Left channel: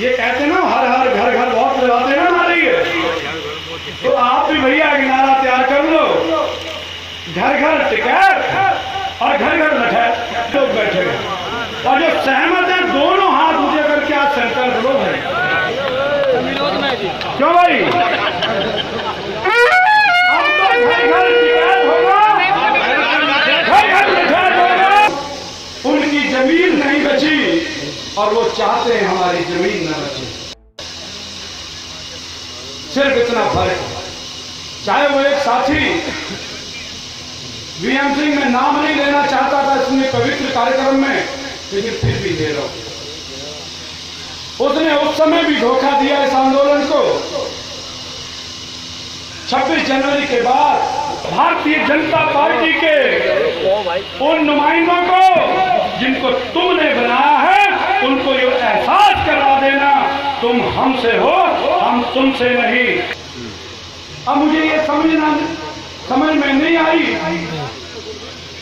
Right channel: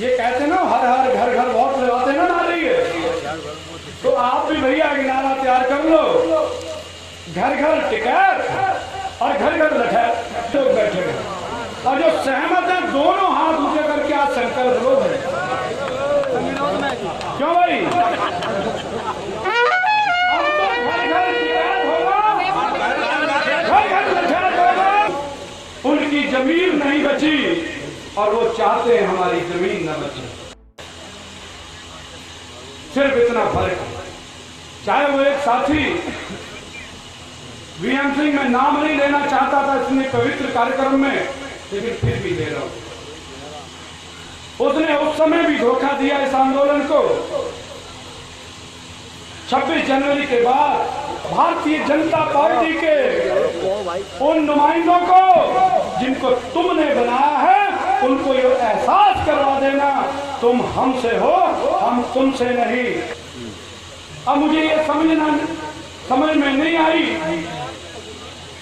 ये कहते ना हर हर घर घर बहुत लगाते ना नारे ये, तो आप भी भैया एक नारा तैयार कर लो, घर घर टिकैत और घर घर लठैत। लोग बैठे हैं और जो सहमत है दोनों हाथ ऊंचे करके आज संकल्प लो भाई। क्यों भाई? अब तो घर घर टिकैत होगा, घर घर लठैत होगा। उनकी जमीन नहीं बची और वो चाहते हैं हमारी जमीन न बचे। सिर्फ इतना फर्क है। चाहे वो एक साथी वीएम सिंह, मैं नाम नहीं लेना चाहता था इसमें पवित्र कार्यक्रम में, लेकिन फिर भी ले लो, उसने उस समय भी धोखा दिया इस आंदोलन को। 26 जनवरी के बाद भारतीय जनता पार्टी के उन नुमाइंदों को जिनको तुमने बनाया है, उनको ये एहसास करवा देना तुम हमसे हो, हम तुमसे नहीं। अब मुझे ये समझ में नहीं आई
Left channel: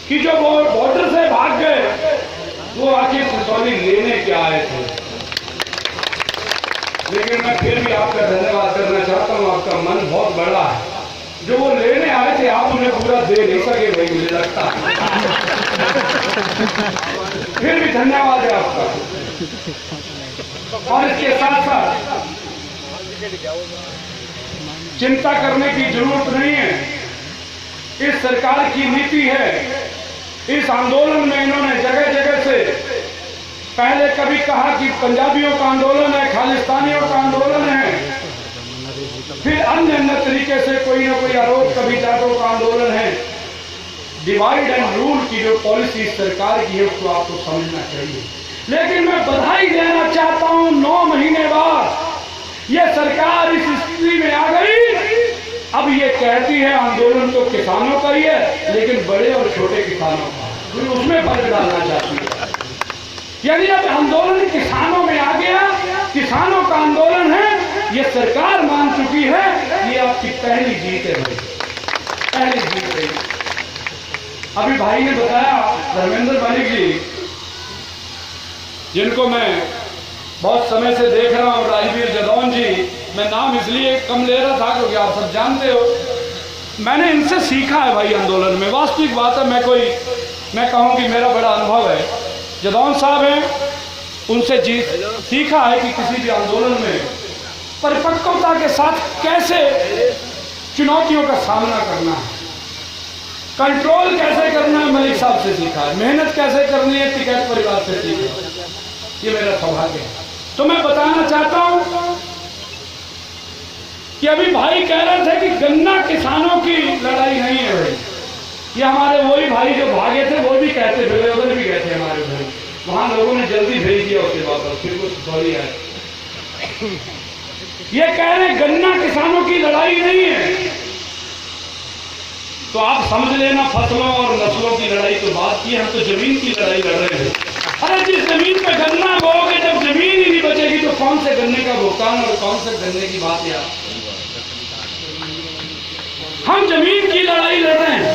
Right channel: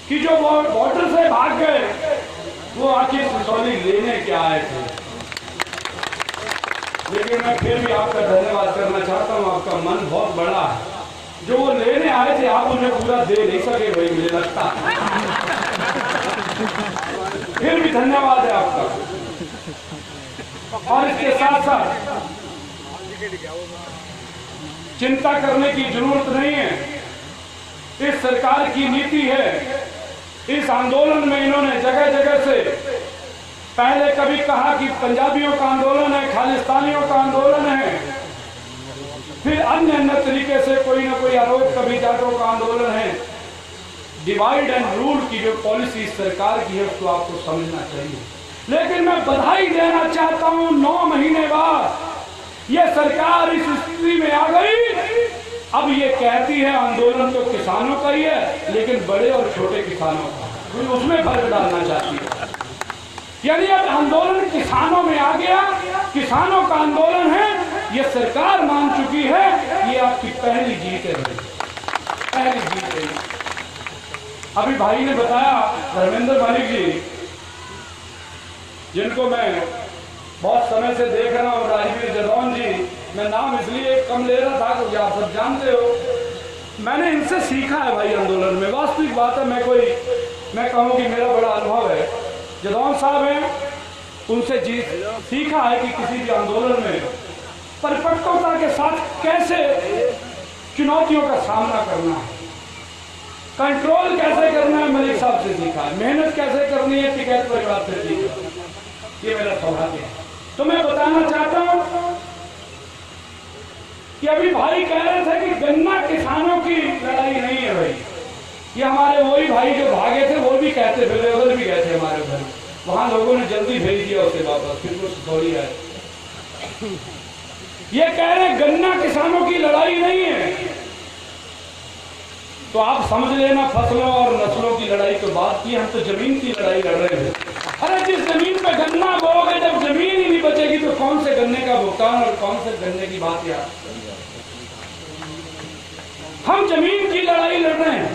कि जो बॉर्डर से भाग गए वो आखिर सिसौली लेने क्या आए थे। लेकिन मैं फिर भी आपका धन्यवाद करना चाहता हूँ, आपका मन बहुत बड़ा है। जो वो लेने आए थे आप उन्हें पूरा दे नहीं सके भाई, मुझे लगता है। फिर भी धन्यवाद है आपका। और इसके साथ साथ चिंता करने की जरूरत नहीं है। इस सरकार की नीति है, इस आंदोलन में इन्होंने जगह जगह से पहले कभी कहा कि पंजाबियों का आंदोलन है, खालिस्तानियों का आंदोलन है, फिर अन्य अन्य तरीके से कोई ना कोई आरोप, कभी जाटों का आंदोलन है। डिवाइड एंड रूल की जो पॉलिसी सरकार की है उसको आपको समझना चाहिए। लेकिन मैं बधाई देना चाहता हूं, 9 महीने बाद ये सरकार इस स्थिति में आ गई। अब ये कहती है आंदोलन तो किसानों का ही है, लेकिन बड़े और छोटे किसानों का है, उसमें फर्क डालना चाहती है। यानी अब आंदोलन किसानों में आ गया, किसानों का आंदोलन है, ये सरकार मान चुकी है। ये आपकी पहली जीत है भाई, पहली जीत है। अभी भाई ने बताया, धर्मेंद्र मलिक जी, जिनको मैं बहुत समय से देख रहा हूँ, राजवीर जदौन जी, मैं नाम इसलिए कम ले रहा था क्योंकि आप सब जानते हो मैंने इनसे सीखा है भाई आंदोलन में। वास्तविक बात है, मैं कहूँ कि मेरा बड़ा अनुभव है। जदौन साहब हैं, उनसे सीखा है कि किसी भी आंदोलन में परिपक्वता के साथ कैसे चुनौतियों का सामना करना है, कंट्रोल कैसे करना है, मलिक साहब से सीखा है। मेहनत कैसे करनी है, टिकैत परिवार से सीखा। ये मेरा सौभाग्य है। तो मैं बताना चाहता हूं कि अभी भाई कह रहे थे कि गन्ना किसानों की लड़ाई नहीं है भाई। ये हमारे वही भाई जो भागे थे वो भी कहते थे, उधर भी गए थे हमारे भाई, वहां लोगों ने जल्दी भेज दिया उसके वापस, फिर वो थोड़ी आए। ये कह रहे गन्ना किसानों की लड़ाई नहीं है, तो आप समझ लेना फसलों और नस्लों की लड़ाई तो बात की, हम तो जमीन की लड़ाई लड़ रहे हैं। अरे जिस जमीन पे गन्ना बोओगे, जब जमीन ही नहीं बचेगी तो कौन से गन्ने का भुगतान और कौन से गन्ने की बात यार। हम जमीन की लड़ाई लड़ रहे हैं,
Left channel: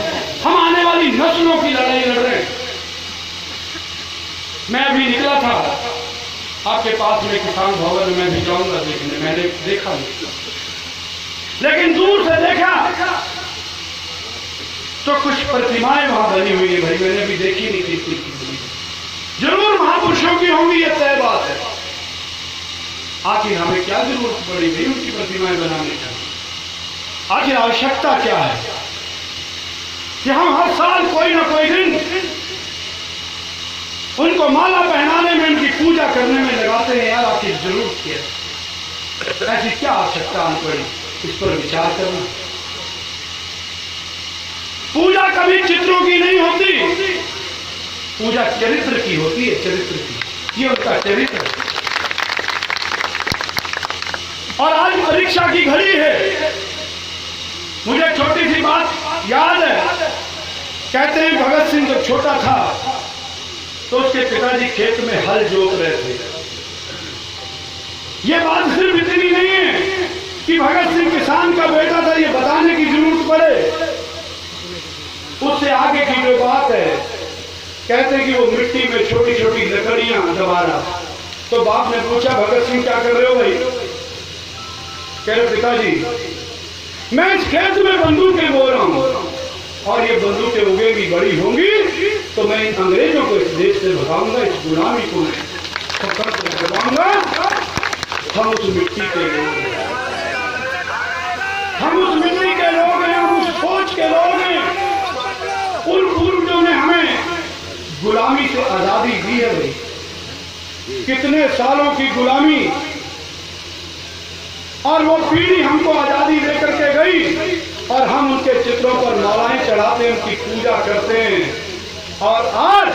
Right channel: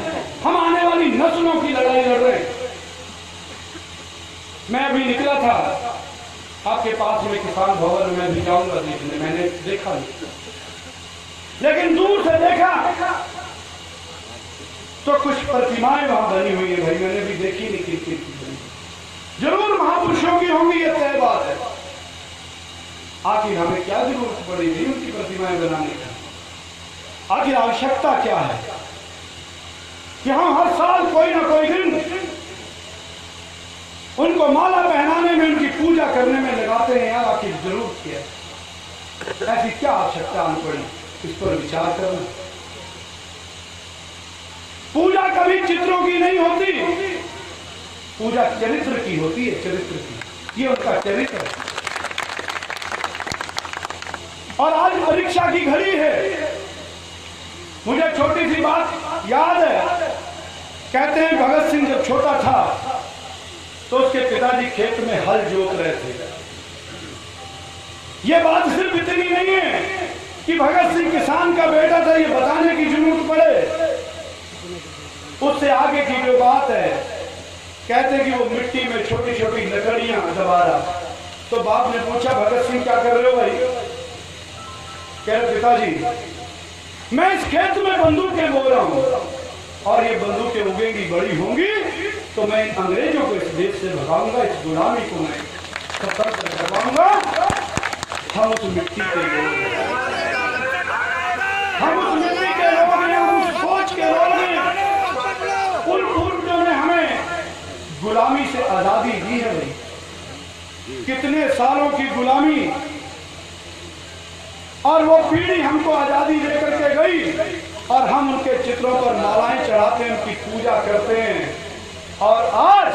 हम आने वाली नस्लों की लड़ाई लड़ रहे हैं। मैं अभी निकला था आपके पास में किसान भवन में भी जाऊंगा देखने, मैंने देखा नहीं, लेकिन दूर से देखा तो कुछ प्रतिमाएं वहां बनी हुई है भाई, मैंने भी देखी नहीं थी। जरूर महापुरुषों की होंगी, ये तय बात है। आखिर हमें क्या जरूरत पड़ी थी उनकी प्रतिमाएं बनाने की? आखिर आवश्यकता क्या है कि हम हर साल कोई ना कोई दिन उनको माला पहनाने में, उनकी पूजा करने में लगाते हैं? यार आखिर जरूरत क्या है? ऐसी क्या आवश्यकता आनी पड़ी? इस पर विचार करना। पूजा कभी चित्रों की नहीं होती, पूजा चरित्र की होती है, चरित्र की। ये उनका चरित्र है। और आज परीक्षा की घड़ी है। मुझे छोटी सी बात याद है, कहते हैं भगत सिंह जब छोटा था तो उसके पिताजी खेत में हल जोत रहे थे। यह बात सिर्फ इतनी नहीं है कि भगत सिंह किसान का बेटा था, ये बताने की जरूरत पड़े। उससे आगे की जो बात है, कहते हैं कि वो मिट्टी में छोटी छोटी लकड़ियां दबा रहा, तो बाप ने पूछा भगत सिंह क्या कर रहे हो भाई? कह रहे पिताजी मैं इस खेत में बंदूकें बो रहा हूं और ये बंदूकें उगेंगी, बड़ी होंगी तो मैं इन अंग्रेजों को इस देश से भगाऊंगा, इस गुलामी को मैं खत्म करवाऊंगा। हम उस मिट्टी के लोग हैं, हम उस मिट्टी के लोग हैं, हम उस सोच के लोग हैं। उन पूर्वजों ने हमें गुलामी से आजादी दी है भाई, कितने सालों की गुलामी, और वो पीढ़ी हमको आजादी देकर के गई और हम उनके चित्रों पर मालाएं चढ़ाते हैं, उनकी पूजा करते हैं। और आज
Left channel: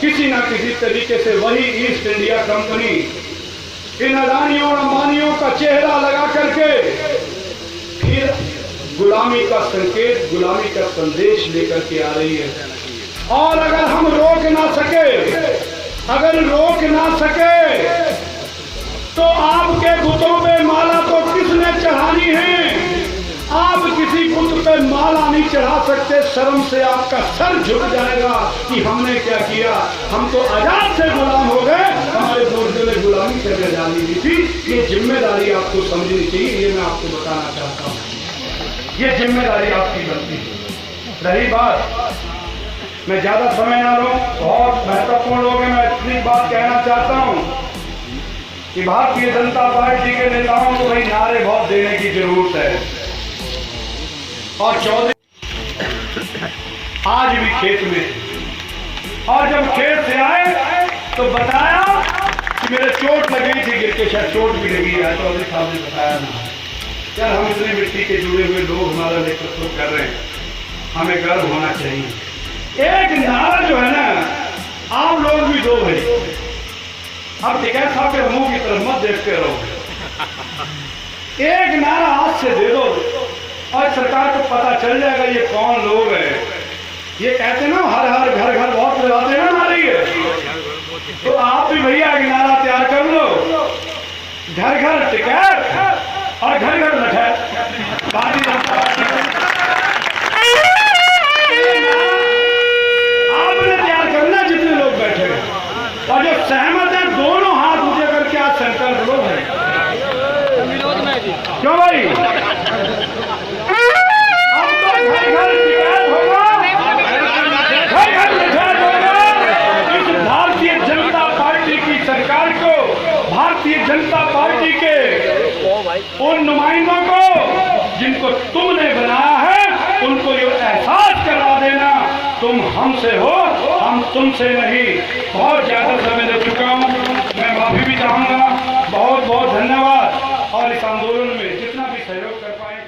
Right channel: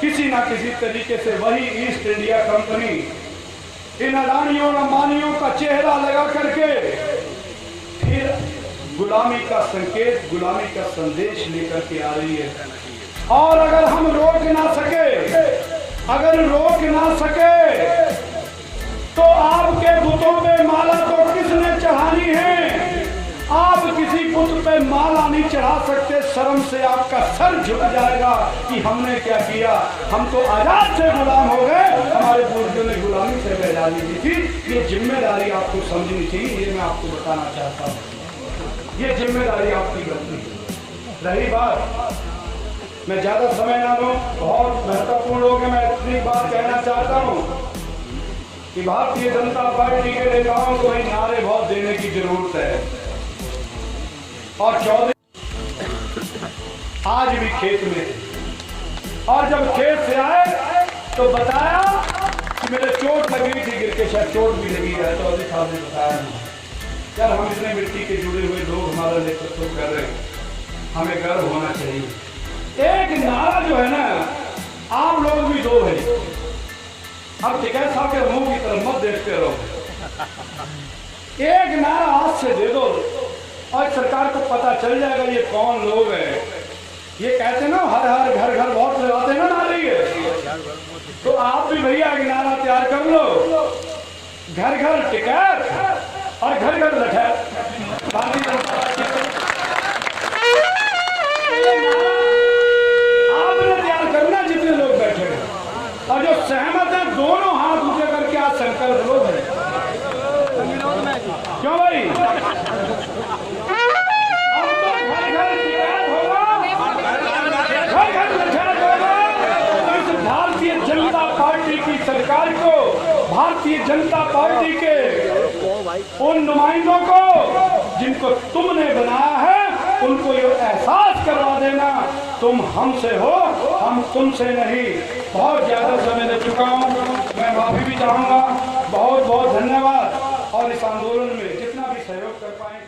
किसी ना किसी तरीके से वही ईस्ट इंडिया कंपनी इन अडानियों और अंबानियों का चेहरा लगा करके फिर गुलामी का संकेत, गुलामी का संदेश लेकर के आ रही है। और अगर हम रोक ना सके, अगर रोक ना सके तो आपके बुतों पे माला तो किसने चढ़ानी है? आप किसी बुत पे माला नहीं चढ़ा सकते, शर्म से आपका सर झुक जाएगा कि हमने क्या किया। हम तो आजाद से गुलाम हो गए, हमारे पूर्वजों ने गुलामी से आजादी दी थी। ये जिम्मेदारी आपको समझनी चाहिए, ये मैं आपको बताना चाहता हूँ। ये जिम्मेदारी आपकी बनती है। रही बात, मैं ज्यादा समय ना लूं, बहुत महत्वपूर्ण लोग हैं, मैं इतनी बात कहना चाहता हूँ कि भारतीय जनता पार्टी के नेताओं को ही नारे बहुत देने की जरूरत है। और चौधरी आज भी खेत में, और जब खेत से आए तो बताया कि मेरे चोट लगी थी, गिर के शायद चोट भी लगी है। चौधरी साहब ने बताया ना, यार हम इतने मिट्टी के जुड़े हुए लोग हमारा नेतृत्व कर रहे हैं, हमें गर्व होना चाहिए। एक नारा जो है ना, आप लोग भी दो भाई, अब टिकैत साहब के मुंह की तरफ मत देखते रहो, एक नारा हाथ से दे दो और सरकार को पता चल जाएगा ये कौन लोग हैं। ये कहते ना हर हर घर घर बहुत लगाते हैं ना नारे है, तो आप भी भैया एक नारा तैयार कर लो, घर घर टिकैत और घर घर लठैत। भारतीय जनता पार्टी आपने तैयार करना, जितने लोग बैठे हैं और जो सहमत है दोनों हाथ ऊंचे करके आज संकल्प लो है। क्यों भाई? अब तो घर घर शिकायत होगा, घर घर शिकायत होगा। इस भारतीय जनता पार्टी की सरकार को, भारतीय जनता पार्टी के उन नुमाइंदों को जिनको तुमने बनाया है, उनको ये एहसास करवा देना तुम हमसे हो, हम तुमसे नहीं। बहुत ज्यादा समय ले चुका हूँ, मैं माफी भी चाहूँगा। बहुत बहुत धन्यवाद। और इस आंदोलन में जितना भी सहयोग कर पाए